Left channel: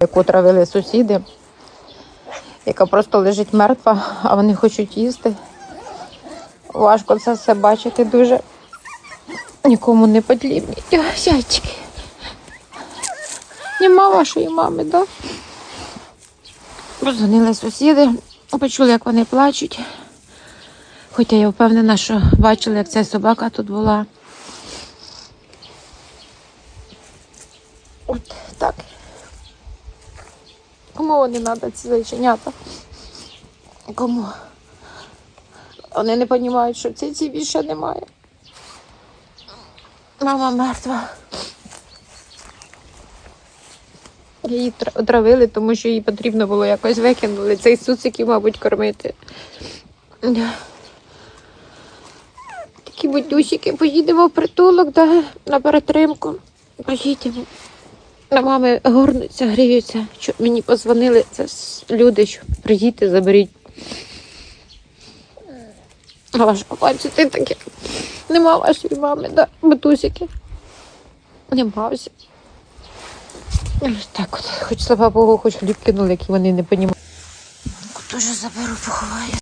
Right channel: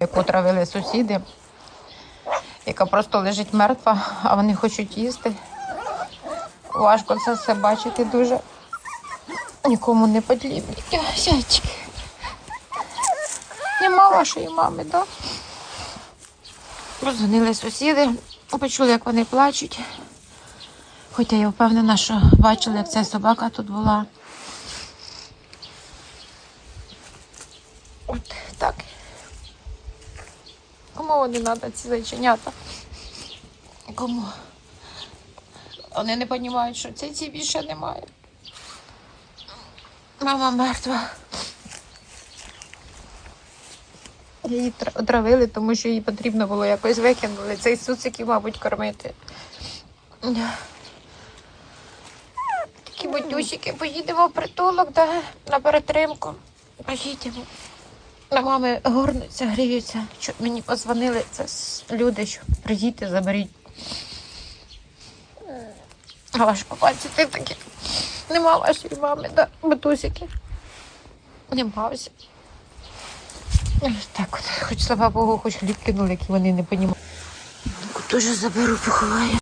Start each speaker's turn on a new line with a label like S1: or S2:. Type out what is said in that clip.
S1: яку травили сусіди, яка просто лежить мертва, а вони хочуть їсти. Важко це все бачити дуже. Нікому не потрібні. Сяйчики. Нема вашої мами, так? Да? Позвонили сусіди, почули, як вони плачуть. Хоча я впевнена, що бачили, як ця собака тут була. Так. Кому вони треба ці зайченята? Кому? Вони не розуміють, що в цій більше немає. Мама мертва. Її тр- травили, тому що їй потрібно було якось викинули. Цей суциків, мабуть, кормити. Такі батюсики, поїдемо в притулок, да, на перетримку. Поїдемо. Мами горнуться, гріються. Що мені позвонили, це люди, що приїдьте, заберіть. Важко бачити таке. Нема вашої мами, да, батусики. Нема всі. Так от, хоч слава Богу, хоч хліб кинули, які вони не. Мамку теж заберу, поховаю.